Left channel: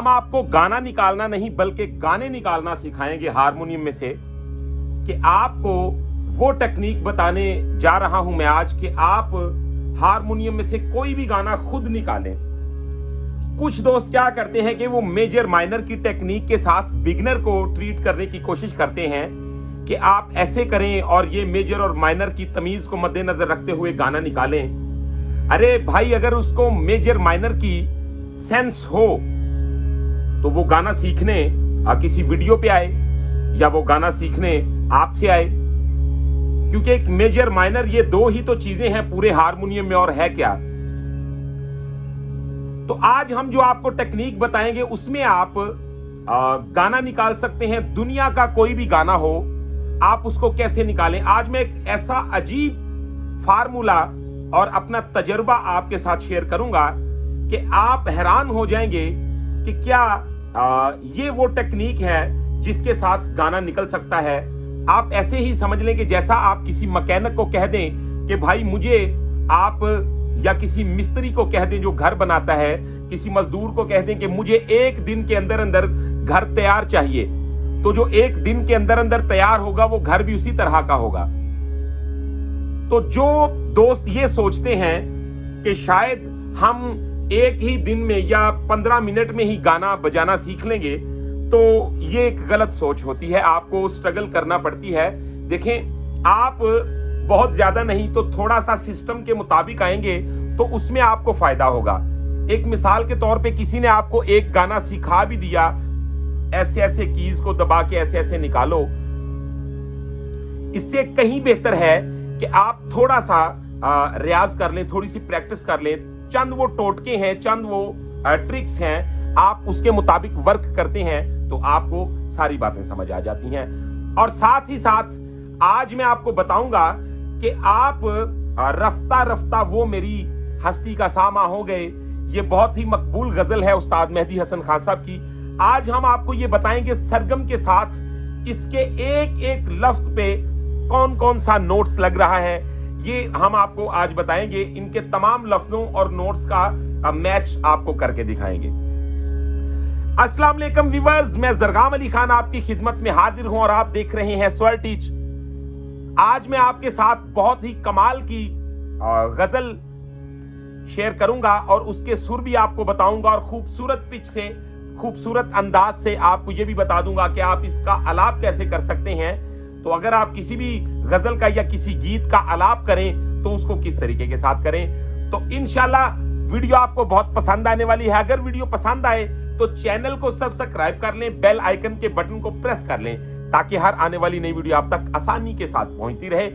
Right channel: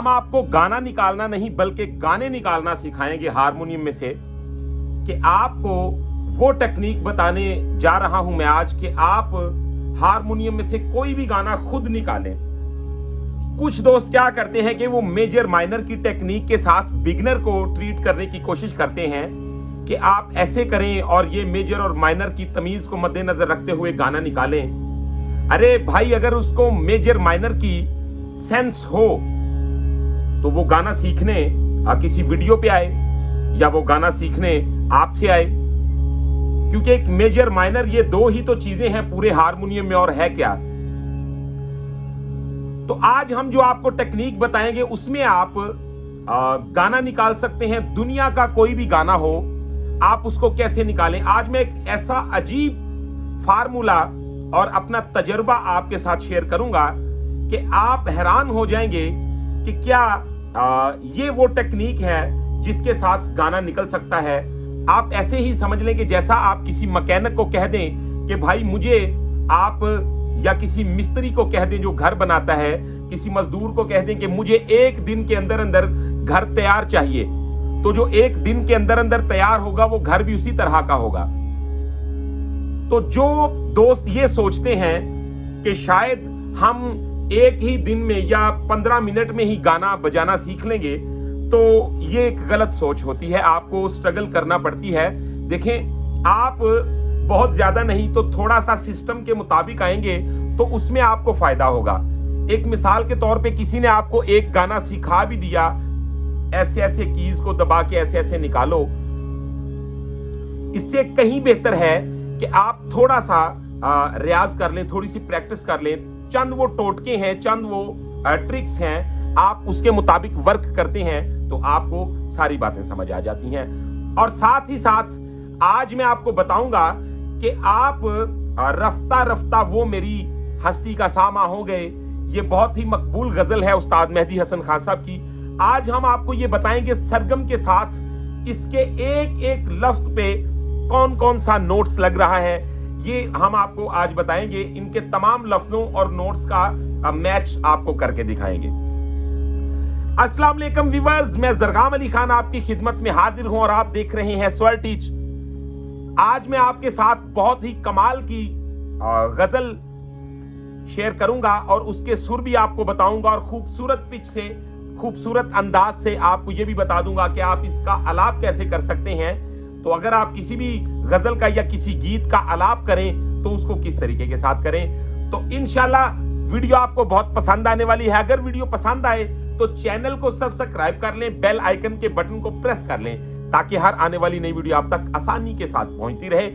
हम आपको गाना निकालना नहीं बल्कि गाने निकालना सिखाएंगे हारमोनियम में से, कि आपको वो टेक्निक बताने जा रहा हूं मैं आज कि आप हारमोनियम में से कोई भी गाना खुद निकालें। कुछ दोस्त क्या करते हैं कि वो मेजर माइनर की टेक्निक के साथ बिगिनर को ट्रीट करने की कोशिश करते हैं कि आप ऐसे करें और ये मेजर और माइनर की तमीज को मद्देनजर रखते हुए गाना निकालें। अरे भाई, अगर उसको मेजर माइनर की सेंस हो तो वो गाना सीखने किसी वीडियो पे आए या वो गाना सीखने आपसे आए, क्योंकि एक मेजर माइनर ये दो ही तो चीजें हैं पूरे हारमोनियम में, और है क्या। तो आज हम जो आपको टेक्निक बताएंगे उसमें आप गाना निकाल सकते हैं। दुनिया का कोई भी गाना हो, आप उसको कैसे निकालें। आज मैं एक ऐसा अजीब फार्मूला और अपना तजुर्बा आपके साथ शेयर करूंगा कि आप हैरान हो जाएंगे कि क्या ये वो टेक्निक है जिसके साथ गाना निकल सकता है। आप ऐसे ही समझ लें कि जैसा आप किसी मैकेनिक को कह दें कि भाई मुझे आप, या किसी मिस्त्री को कह दें जो घर बनाता है, किसी मजदूर को कह दें कि मुझे एक दिन के अंदर अंदर घर तैयार चाहिए, तो जो एक दिन के अंदर अंदर तैयार होगा वो घर भी उसी तरह का होगा। तो जो दोस्त ये सोचते हैं कि शायद हम एक ही दिन में या 15 मिनट में ही गाना बजाना सीख लेंगे, तो ये एक गलत सोच होती है। आपको स्ट्रगल करना पड़ती है। देखें, आप बहुत ज्यादा नहीं तो थोड़ा सा सिस्टम के मुताबिक आएंगे तो उसमें आपको फायदा होगा। एक मिसाल के तौर पे किसी ने आपको एक गाना सिखा भी दिया, ऐसे ऐसे कीज को दबा के ऐसे ऐसे निकालो, इससे कहीं बेहतर है कि आप थोड़ा सा रियाज कर लें, थोड़ी सी प्रैक्टिस कर लें। चंद वो टोटके हैं, चंद वो ट्रिक्स हैं, आप उसके मुताबिक वर्क करते हैं तो आपको सारी बातें समझ आ जाती हैं। और साथ ही साथ आज मैं आपको बताऊंगा कि आप रफ्ता रफ्ता वो मेरी हस्ती का सामा हो गए, ये बहुत ही मकबूल गजल है उस्ताद मेहदी हसन खान साहब की। आज हम आपको ये बताएंगे सरगम के साथ इसके एक एक लफ्ज पे कौन कौन सा नोट्स लग रहा है, ये हम आपको आज बताएंगे। इनके तमाम लफ्जों और नोट्स का मैच आपको करके दिखाएंगे। अस्सलाम वालेकुम व्यूअर्स, मैं जरगाम अली खान आपकी खिदमत में हाजिर हूं और आप देख रहे हैं स्वर टीच। आज मैं आपके साथ बहुत ही कमाल की गजल शेयर करूंगा और उसके सुर भी आपको बताऊंगा और खूबसूरत पिच से, खूबसूरत अंदाज से आपको ये भी बता दूंगा कि आप इसका आलाप कैसे कर सकते हैं। तो अगर आप किसी भी गजल का या किसी गीत का आलाप करें तो उसको किस तरीके के साथ करें। तो इंशाल्लाह वीडियो आपको बहुत पसंद आने वाली है। अगर वीडियो पसंद आए तो चैनल को सब्सक्राइब कर लें, बेल आइकन के बटन को प्रेस कर लें, ताकि हर आने वाली नई वीडियो आप तक आसानी के साथ पहुंचती रहे।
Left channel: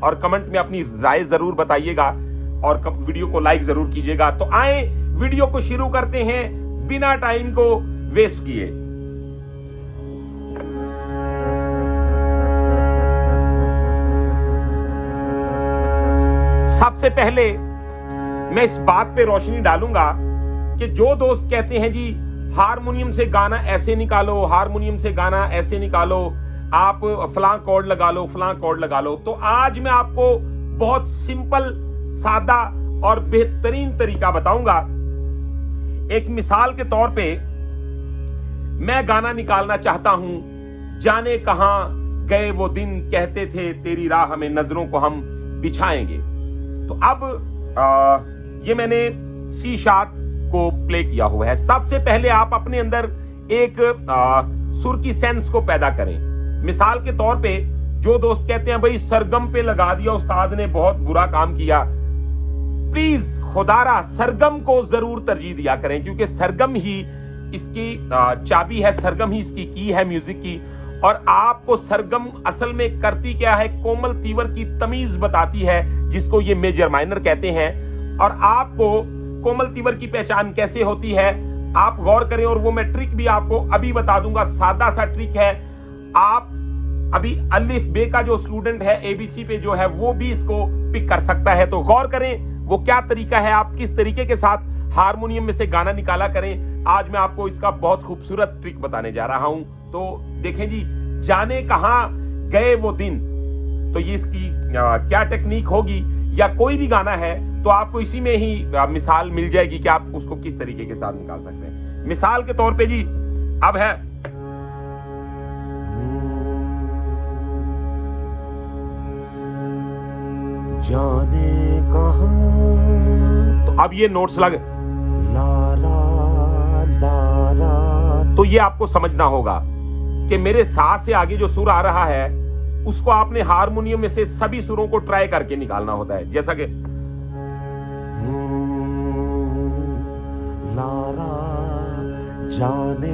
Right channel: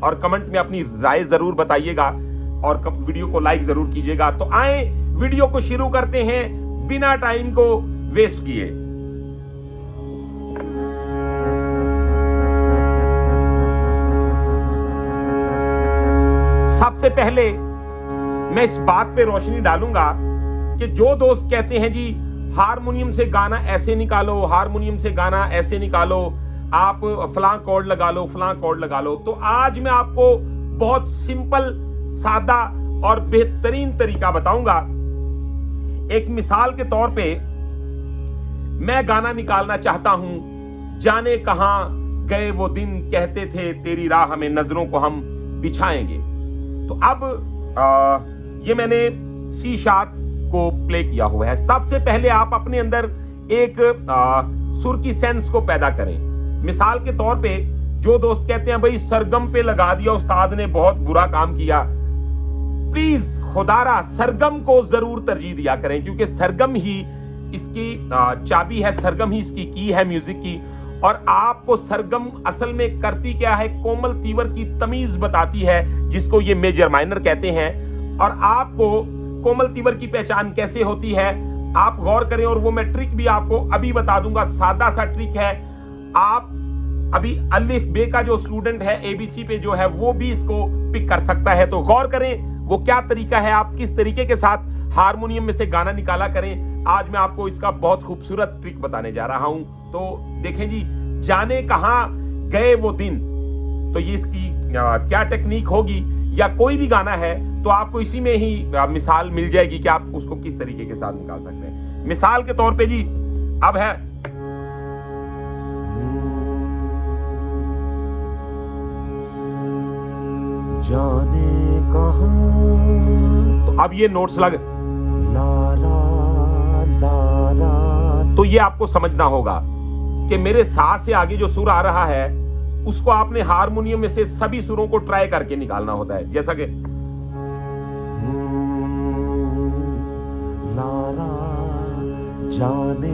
और कमेंट में अपनी राय जरूर बताइएगा और वीडियो को लाइक जरूर कीजिएगा। तो आए वीडियो को शुरू करते हैं बिना टाइम को वेस्ट किए। सबसे पहले मैं इस बात पे रोशनी डालूंगा कि जो दोस्त कहते हैं जी हारमोनियम से गाना ऐसे निकालो, हारमोनियम से गाना ऐसे निकालो, आप फलां कॉर्ड लगा लो, फलां कॉर्ड लगा लो, तो आज मैं आपको बहुत सिंपल, सादा और बेहतरीन तरीका बताऊंगा। एक मिसाल के तौर पे मैं गाना निकालना चाहता हूं, जाने कहां गए वो दिन कहते थे तेरी राह में नजरों को हम बिछाएंगे। तो अब ये मैंने सी शार्प को प्ले किया हुआ है। सबसे पहले आप अपने अंदर एक सुर की सेंस को पैदा करें। मिसाल के तौर पे जो दोस्त कहते हैं भाई सरगम पे लगा दिया उस्ताद ने, बहुत बुरा काम किया, प्लीज खुदारा सरगम को जरूर तरजीह दिया करें, क्योंकि सरगम ही इसकी चाबी है, सरगम ही इसकी की है म्यूजिक की। और आपको सरगम असल में करती क्या है, कोमल तीवर की तमीज बताती है, जिसको ये मेजर माइनर कहते हैं। और आपको कोमल तीवर की पहचान कैसे होती है आप गौर करें, और वो मैं ट्रिक भी आपको अभी बता दूंगा। सादा सा ट्रिक है। आप अभी अलिफ बे का जो स्टूडेंट है एबीसी पे जो है वो भी इसको पिक कर सकता है। तो गौर करें वो क्या तरीका है, आप किस तरीके के साथ हारमोनियम में से गाना निकाला करें। आज मैं आपको इसका बहुत खूबसूरत ट्रिक बताने जा रहा हूं। तो देखें जी, जाने कहां गए वो दिन, तो ये इसकी क्या टेक्निक होगी, या कोई भी गाना है तो आपको इसी में ही मिसाल मिल जाएगी कि आप उसको किस तरीके के साथ निकाल सकते हैं। मिसाल के तौर पे जी अब है जाने कहाँ, अब ये नोट्स लग, ला ला ला ला, तो ये आपको समझना होगा कि मेरे सा से आगे जो सुर आ रहा है उसको आपने हारमोनियम में से सभी सुरों को ट्राई करके निकालना होता है। जैसा कि ला ला, जाने,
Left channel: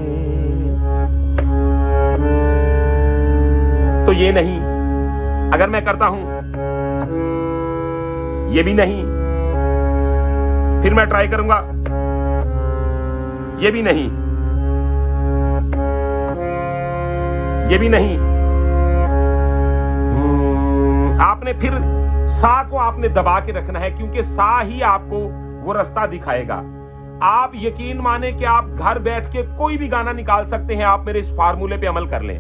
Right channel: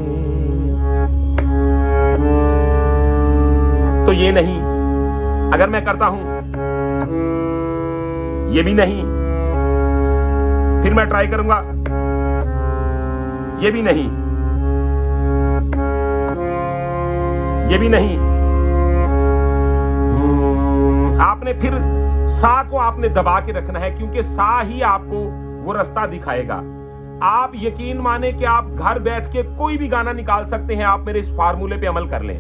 तो ये नहीं, अगर मैं करता हूं ये भी नहीं, फिर मैं ट्राई करूंगा ये भी नहीं, ये भी नहीं, आपने फिर सा को आपने दबा के रखना है, क्योंकि सा ही आपको वो रास्ता दिखाएगा। आप यकीन माने कि आप घर बैठ के कोई भी गाना निकाल सकते हैं, आप मेरे इस फार्मूले पे अमल कर लें।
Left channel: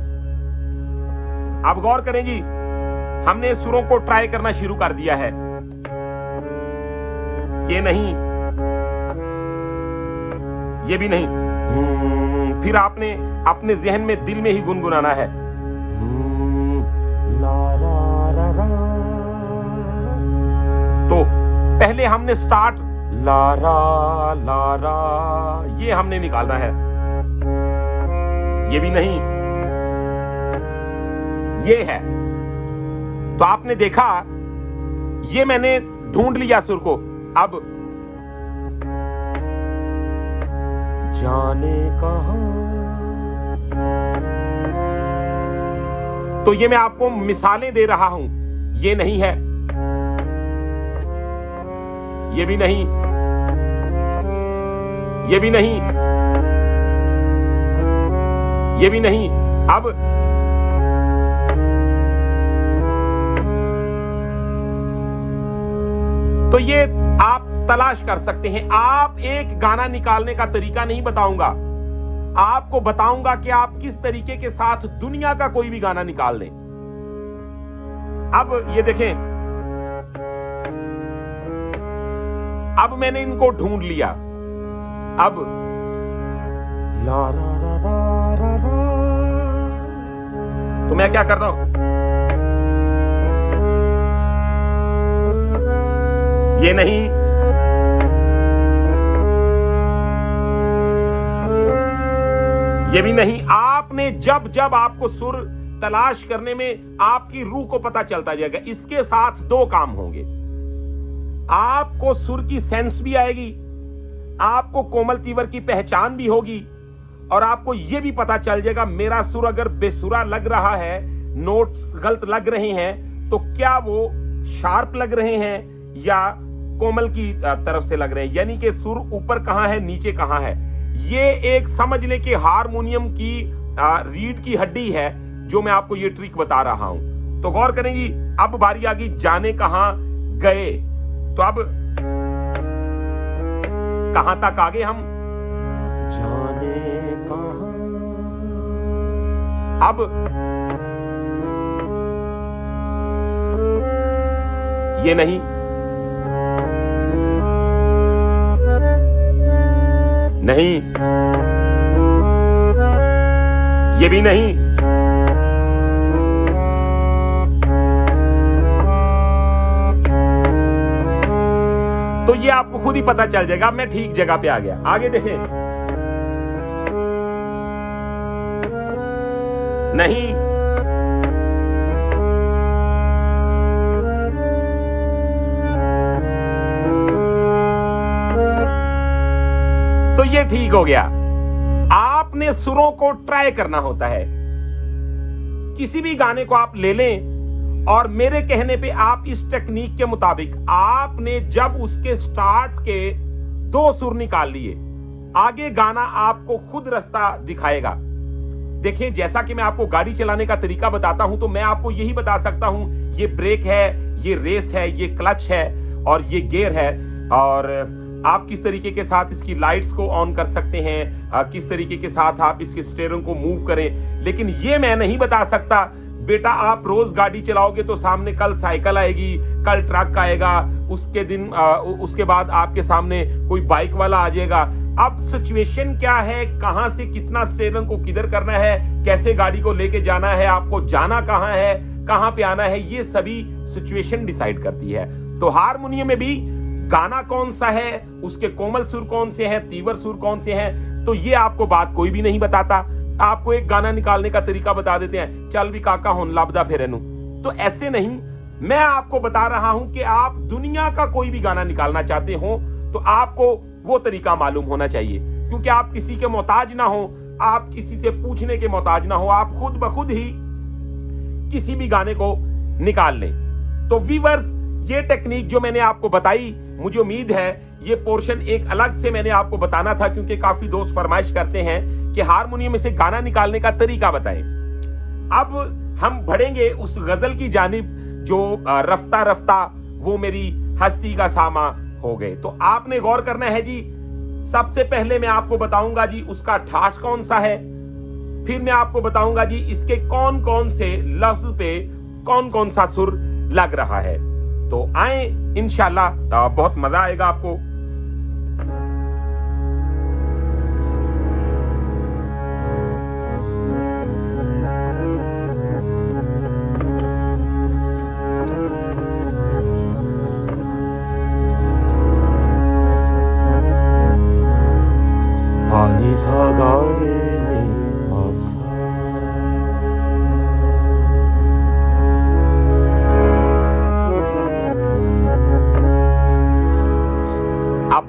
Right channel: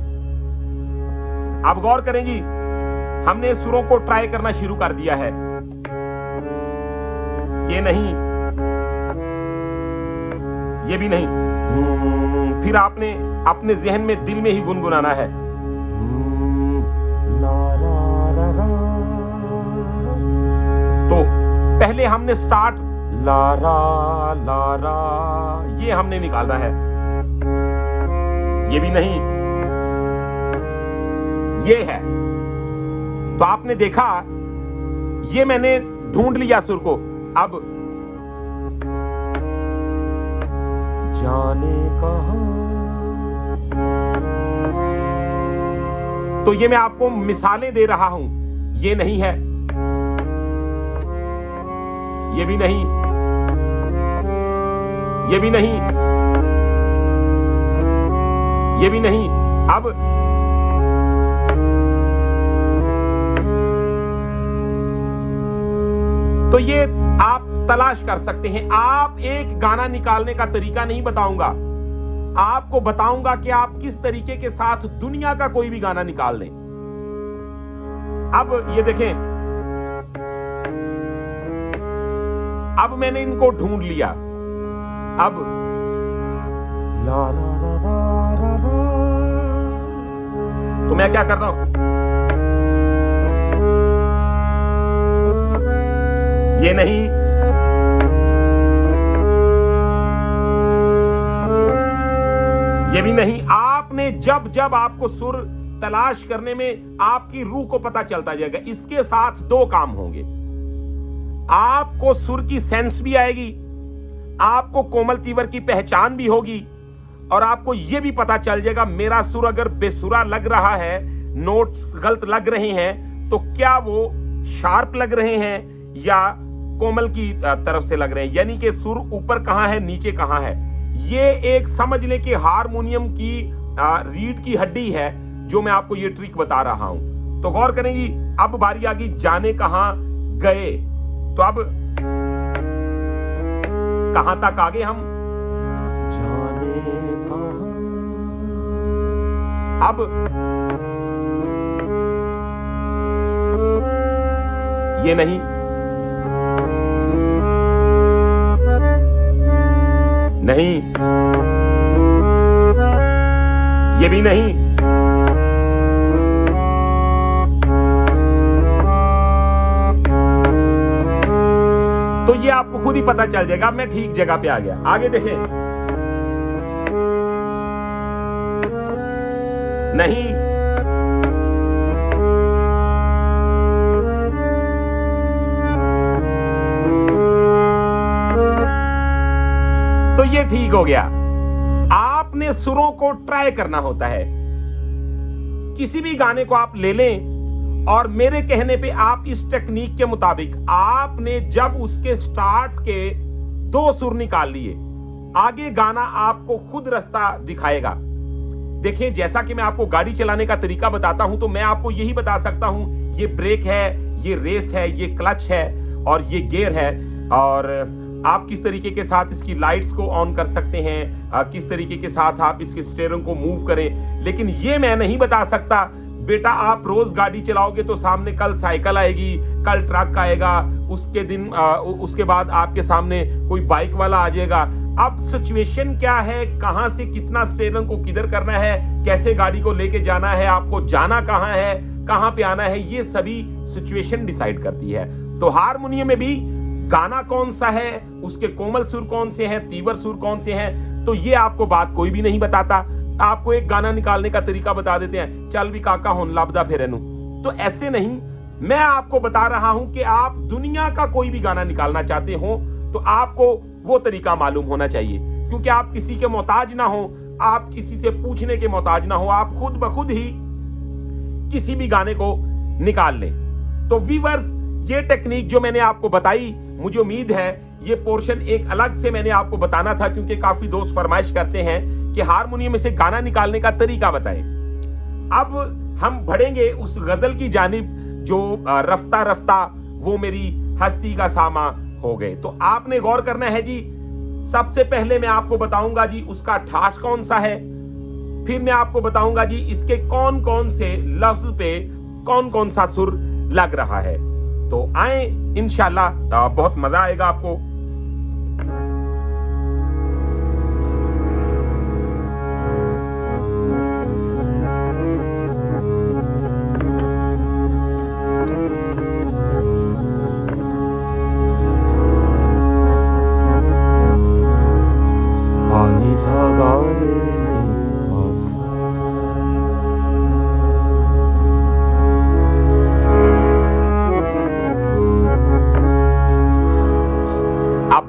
आप गौर करेंगी, हमने सुरों को ट्राई करना शुरू कर दिया है। ये नहीं, ये भी नहीं, फिर आपने अपने जहन में दिल में ही गुनगुनाना है। ला ला ला ला, तो पहले हमने स्टार्ट लारा लारा, ये हमने निकालना है। ये भी नहीं, ये है। तो आपने देखा, ये मैंने ढूंढ लिया सुर को। अब जाने कहाँ, तो ये मैं आपको मिसालें दे रहा हूं। ये नहीं है, ये भी नहीं, ये भी नहीं, ये भी नहीं। अब तो ये आप तलाश कर सकते हैं। आप एक गाना निकालने का तरीका नहीं बताऊंगा, आपको बताऊंगा कि आप किस तरीके के साथ दुनिया का कोई भी गाना निकाल लें। अब ये देखें, अब मैंने इनको ढूंढ लिया। अब ला ला ला ला ला ला, तो मैं क्या करता हूं, ये नहीं, ये भी नहीं। आपने जब जब आपको सुर तलाश करने में आपकी रूह को पता चलता जाएगा, इसके साथ दो काम होंगे। आपको सुर की सेंस भी आएगी, आपको कोमल तीवर की पहचान भी होगी, और आपको यह भी पता चल जाएगा मेरा सुर अगर बेसुरा लग रहा है, नोट्स गलत लग रहे हैं, तो क्या वो शार्प लग रहे हैं या कोमल की तरफ से लग रहे हैं, यानी कि सुर ऊपर कहां है नीचे कहां है। ये एक समझ लें कि हारमोनियम की रीढ़ की हड्डी है, जो मैं आपको ये ट्रिक बता रहा हूं। तो गौर करें जी, अब बारी आ गई जाने कहां गए। तो अब कहां तक आगे हम, जाने कहाँ, अब ये नहीं, नहीं, ये भी नहीं, तो ये आपको खुद ही पता चल जाएगा मैं ठीक जगह पे आ गया। आगे देखें, नहीं, तो ये ठीक हो गया। आपने सुरों को ट्राई करना होता है। किसी भी गाने को आप ले लें और मेरे कहने पे आप इस टेक्निक के मुताबिक आपने जब उसके स्टार्ट के दो सुर निकाल लिए, आगे गाना आपको खुद रास्ता दिखाएगा। देखिए, जैसा कि मैं आपको गाड़ी चलाने का तरीका बताता हूं, तो मैं आपको यही बता सकता हूं, ये ब्रेक है, ये रेस है, ये क्लच है और ये गियर है, और आप किस तरीके के साथ इसकी लाइट्स को ऑन कर सकते हैं, किस तरीके के साथ आप इसके स्टीयरिंग को मूव करें। लेकिन ये मैं नहीं बता सकता बेटा आप रोज गाड़ी चलाओगे तो सामने कल साइकिल आएगी, कल ट्रक आएगा, उसके बाद आपके सामने कोई बाइक वाला आ जाएगा, अब सिचुएशन क्या है, कहां से कितना स्टेयरिंग को किधर करना है, कैसे गाड़ी को लेके जाना है, आपको जाना कहां है, कहां पे आना है, ये सभी सिचुएशन डिसाइड करती है। तो हारमोनियम में भी गाना कौन सा है, उसके कोमल सुर कौन से हैं, तीव्र सुर कौन से हैं, तो ये आपको बात कोई भी नहीं बताता। आपको एक गाना निकालने का तरीका बता देते हैं, चल भी काका हुन लाभदा फिरनु। तो ऐसे नहीं, मैं आपको बता रहा हूं कि आप दुनिया का कोई भी गाना निकालना चाहते हो तो आपको वो तरीका मालूम होना चाहिए, क्योंकि आप किसी के मोहताज ना हो, आप किसी से पूछने के मोहताज ना हो, आप खुद ब खुद ही किसी भी गाने को निकाल लें। तो व्यूअर्स, ये टेक्निक जो मैंने आपको बताई, मुझे उम्मीद है ये पोर्शन एक अलग से मैंने आपको बताना था, क्योंकि काफी दोस्त फरमाइश करते हैं कि हारमोनियम में से गाना निकालने का तरीका बताएं। अब हम बढ़ेंगे उस गजल की जानिब जो रफ्ता रफ्ता वो मेरी हस्ती का सामा हो गए। तो आपने गौर करना है जी, सबसे पहले मैं आपको बताऊंगा जी उसका ठाठ कौन सा है, फिर मैं आपको बताऊंगा जी इसके कौन कौन से लफ्ज पे कौन कौन सा सुर लग रहा है। तो आए, इंशाल्लाह बहुत मजा आएगा आपको।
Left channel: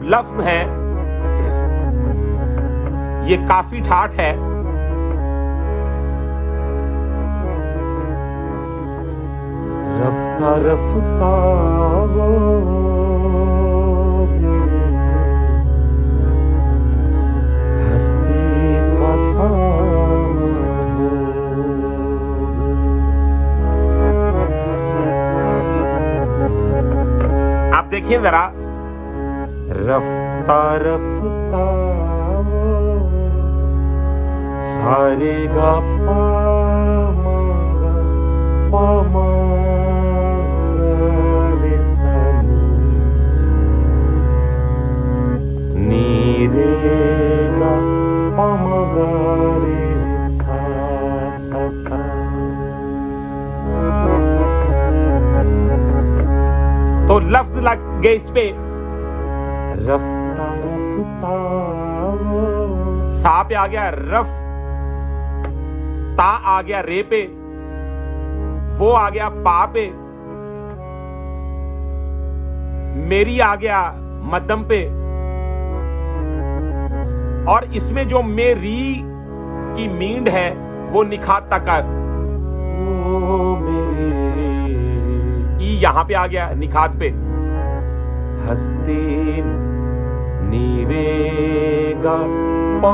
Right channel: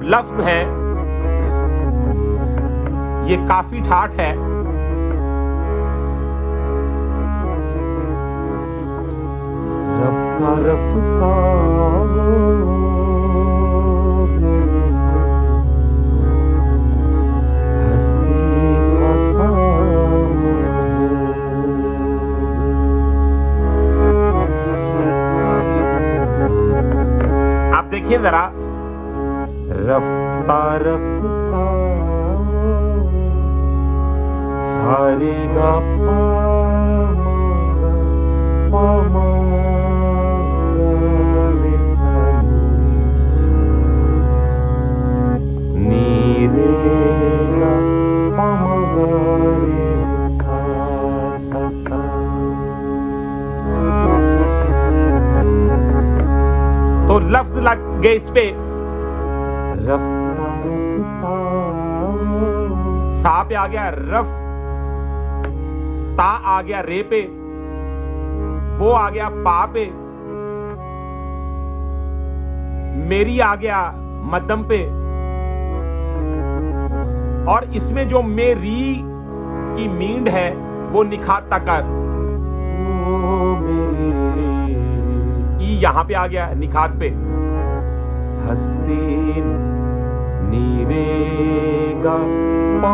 लफ्ज है, ये काफी ठाठ है। रफ्ता रफ्ता आप देखिए जरा, रफ्ता रफ्ता सारे गा पा नी रे गा सा सा। तो लफ्ज लग गए इस पे, सा पे आ गया रफ, ता आ गया रे पे, वो आ गया पा पे, मेरी आ गया मध्यम पे, और इसमें जो मेरी की नींद है वो निखात तक ई यहां पे आ गया निखात पे। हस्ती नीरे गा पा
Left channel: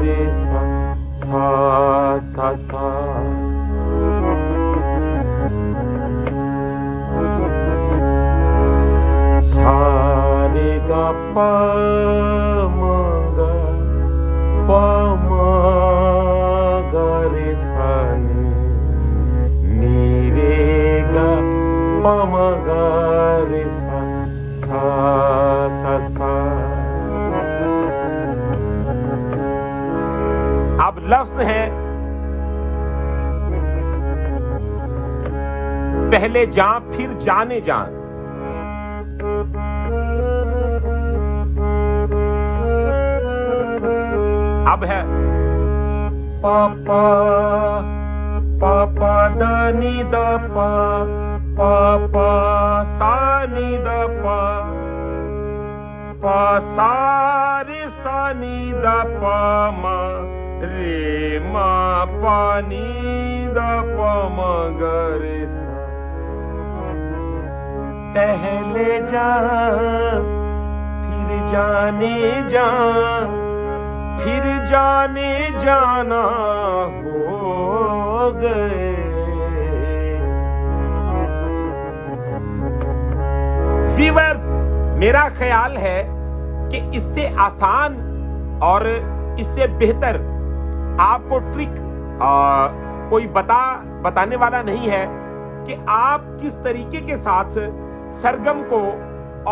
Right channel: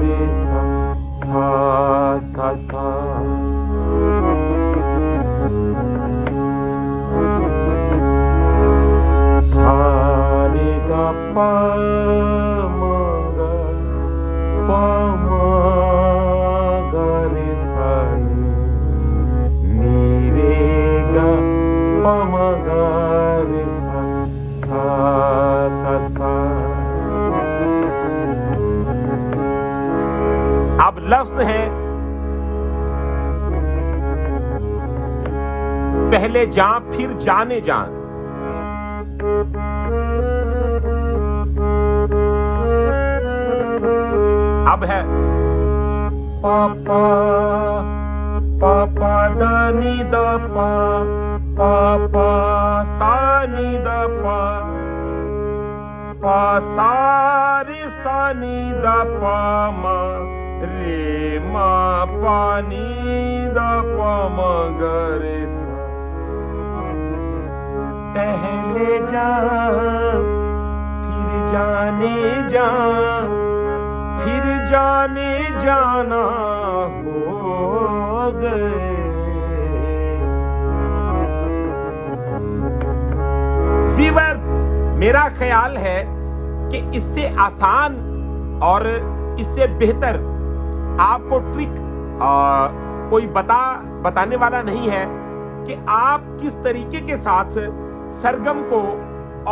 रे सा सा सा। सा रे गा पा रे सा नी रे गा पा रे सा सा सा। अब लफ्ज है, पहले जा फिर जाने जान। अब है पापा पापा दानी दा पा पापा सानी दा पा, पा सारे सानी दा पा मा रे मा पानी दा पा मा गरे सा। पहले जा फिर जाने जा फिर जाने जाना हो गए। व्यूअर्स, मेरा ख्याल है कि इससे आसान और इससे बेहतर आपको ट्रिक कोई बताने वाला नहीं है कि आप किस तरीके के साथ सरगम को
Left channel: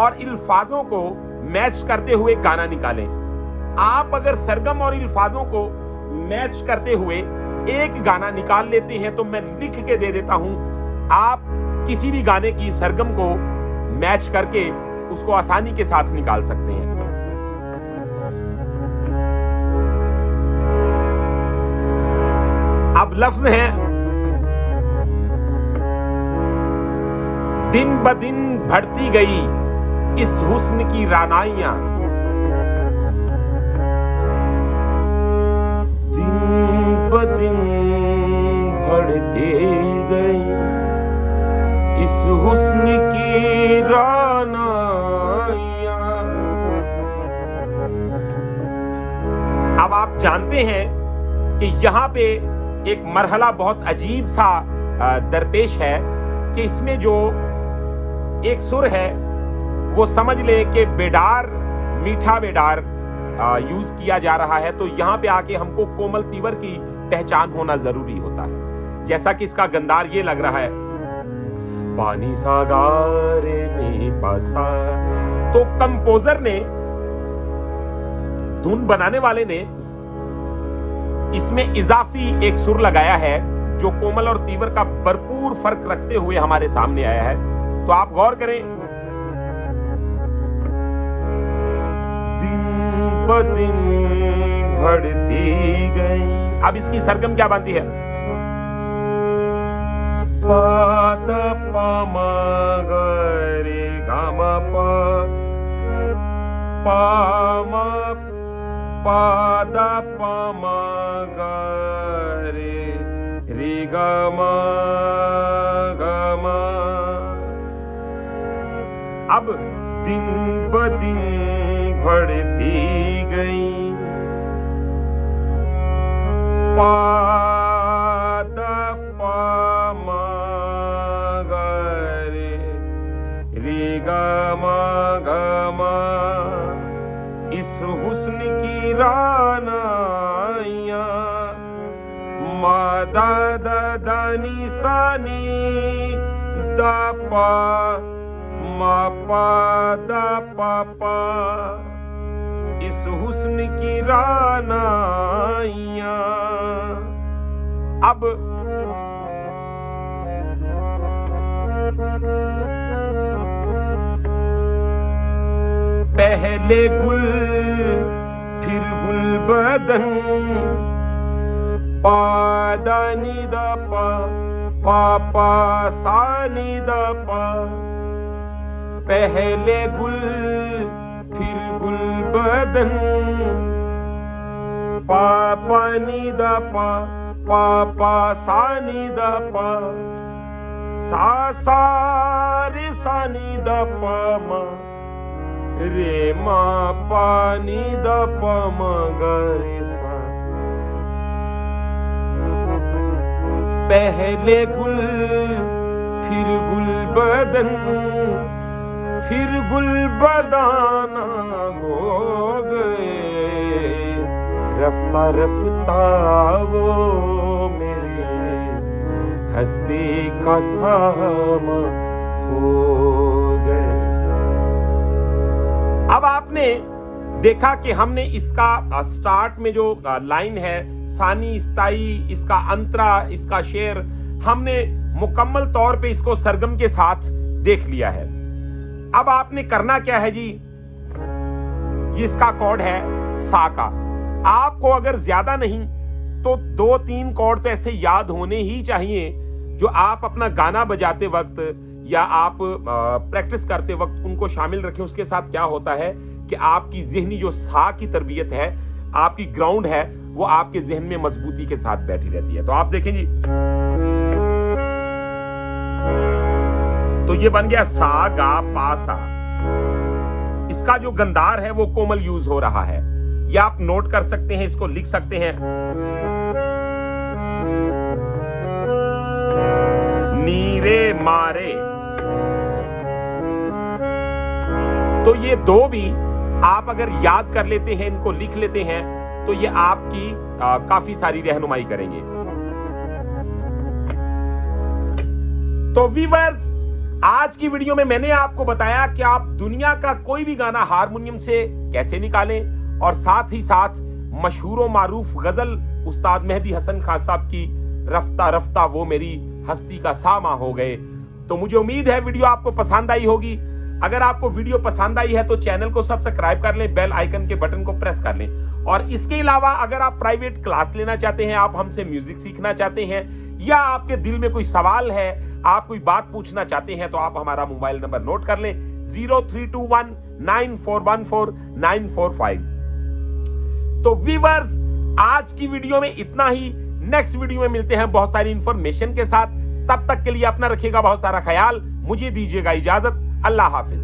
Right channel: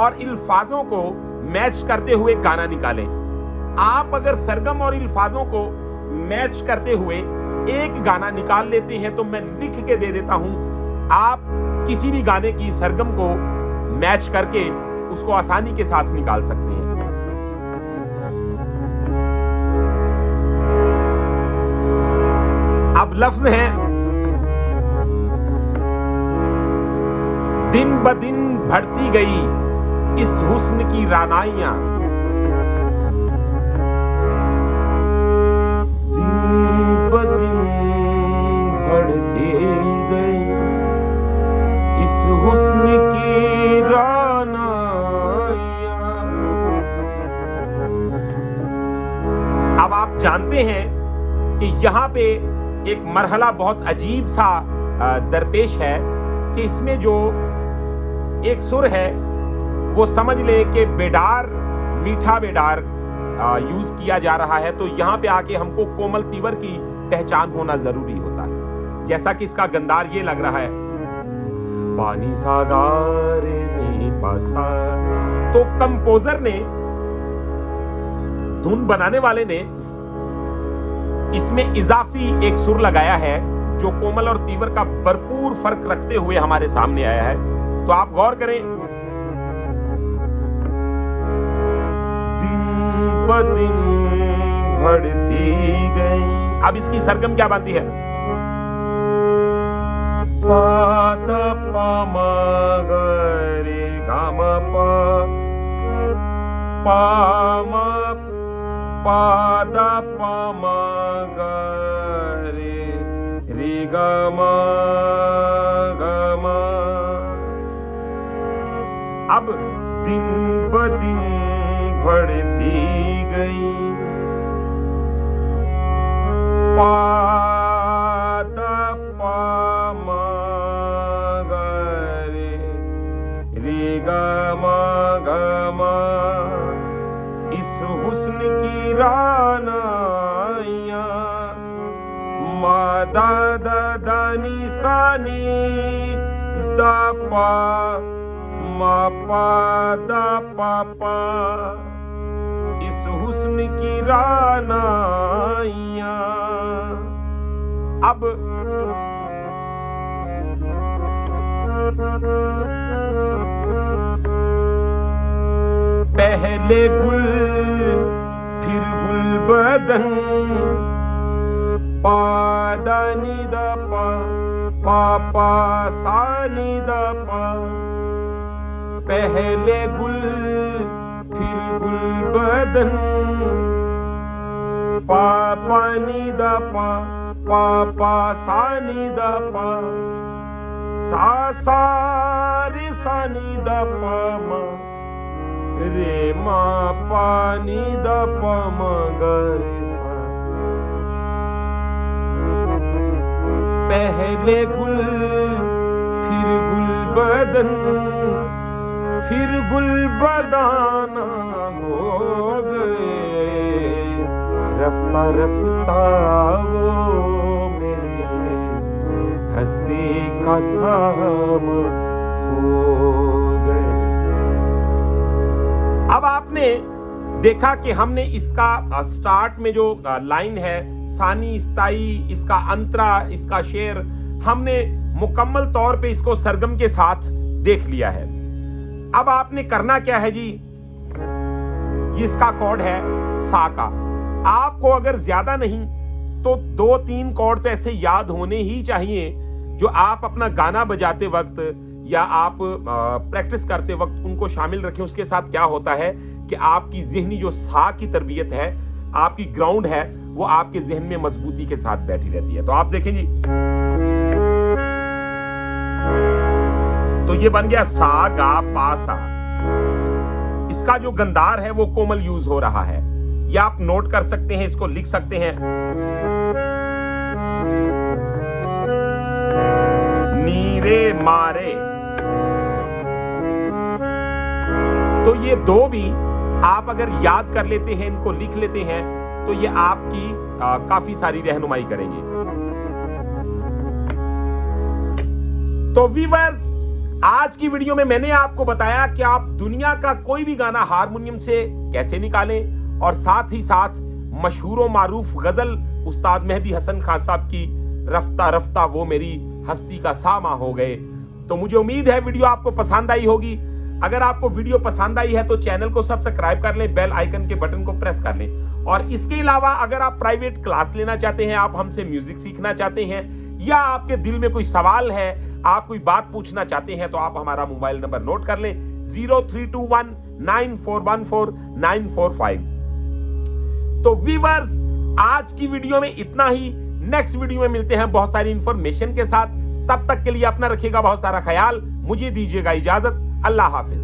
और अल्फाजों को मैच करते हुए गाना निकालें। आप अगर सरगम और अल्फाजों को मैच करते हुए एक गाना निकाल लेते हैं तो मैं लिख के दे देता हूं, आप किसी भी गाने की सरगम को मैच करके उसको आसानी के साथ निकाल सकते हैं। अब लफ्ज हैं, दिन ब दिन बढ़ती गई इस हुस्न की रानाइयां, दिन ब दिन बढ़ती गई इस हुस्न की रानाइयां। अब आप जानते हैं कि यहां पे एक मरहला बहुत अजीब सा दरपेश है कि इसमें जो एक सुर है वो समझ ले कि बेडार, मीठा बेडार यूज किया जा रहा है। तो यहां पे आके हमको कोमल तीवर की पहचान होना जरूरी होता है। जैसा कि इसका गंदार ये लग रहा है, पानी सागारे नी पासा। तो कंपोजर ने, धुन बनाने वाले ने इसमें इजाफी एक सुर लगाया है जो कोमल और तीवर का भरपूर फर्क रखते हुए हमारे सामने आया है। तो आप गौर करें, दिन ब दिन बढ़ती गई। अब इसकी सरगम क्या बनती है? पा द पा मा ग रे गा मा पा, पा मा पा द पा मा ग रे गा मा गा मा। अब दिन ब दिन बढ़ती गई पा द पा मा ग रे गा मा गा मा। इस हुस्न की रानाइयां, मा दा दा दा नी सा नी दा पा, मा पा दा पा पा। इस हुस्न की रानाइयां। अब पहले गुल फिर गुल बदन, पा दा नी दा पा, पा पा सा नी दा पा। पहले गुल फिर गुल बदन, पा पा नी दा पा, पा पा सा नी दा पा। सा सा रे सा नी दा पा मा, रे मा पा नी दा पा मा ग रे सा। पहले गुल फिर गुल बदन, फिर गुल बदाना हो गए। रफ्ता रफ्ता वो मेरे हस्ती का शाम हो गए। अब आपने देखा कि हमने इसका स्टार्ट में जो लाइन है, सानी स्थाई, इसका अंतरा, इसका शेर, हमने मुकम्मल तौर पे इसको सरगम के साथ देख लिया है। अब आपने करना क्या है जी, जिसका कॉर्ड है सा का, आपको अगर ज्यादा नहीं तो 2-3 कॉर्ड तो ऐसे याद होने ही चाहिए जो आप अपना गाना बजाते वक्त या आप प्रैक्टिस करते वक्त उनको शामिल रखें। उसके साथ क्या होता है कि आपकी ज़हनी जो सा की तरबियत है, आपकी ग्राउंड है, वो आपके जहन में मजबूती के साथ बैठी रहती है। तो आप देखेंगे तो ये बन गया सा गा पा सा। इसका जो गंदार है वो कोमल यूज हो रहा है, ये आप नोट कर सकते हैं, इसको लिख सकते हैं। नीरे मारे, तो ये दो भी आप अगर याद कर लेते हैं, इनको लिख लेते हैं, तो ये आपकी काफी सारी रहनुमाई करेंगे। तो व्यूअर्स, आज की वीडियो में मैंने आपको बताया कि आप दुनिया का कोई भी गाना हारमोनियम से कैसे निकालें और साथ ही साथ मशहूर व मारूफ गजल उस्ताद मेहदी हसन खान साहब की रफ्ता रफ्ता वो मेरी हस्ती का सामा हो गए। तो मुझे उम्मीद है वीडियो आपको पसंद आई होगी। अगर आपको वीडियो पसंद आई है तो चैनल को सब्सक्राइब कर लें, बेल आइकन के बटन को प्रेस कर लें। और इसके अलावा अगर आप प्राइवेट क्लास लेना चाहते हैं, आप हमसे म्यूजिक सीखना चाहते हैं या आपके दिल में कोई सवाल है, आप कोई बात पूछना चाहते हैं, तो आप हमारा मोबाइल नंबर नोट कर लें 03219414 तो व्यूअर्स, आज की वीडियो में इतना ही। नेक्स्ट वीडियो में मिलते हैं बहुत सारी इंफॉर्मेशन के साथ। तब तक के लिए अपना रखिएगा बहुत सारा ख्याल। मुझे दीजिएगा इजाजत। अल्लाह हाफिज।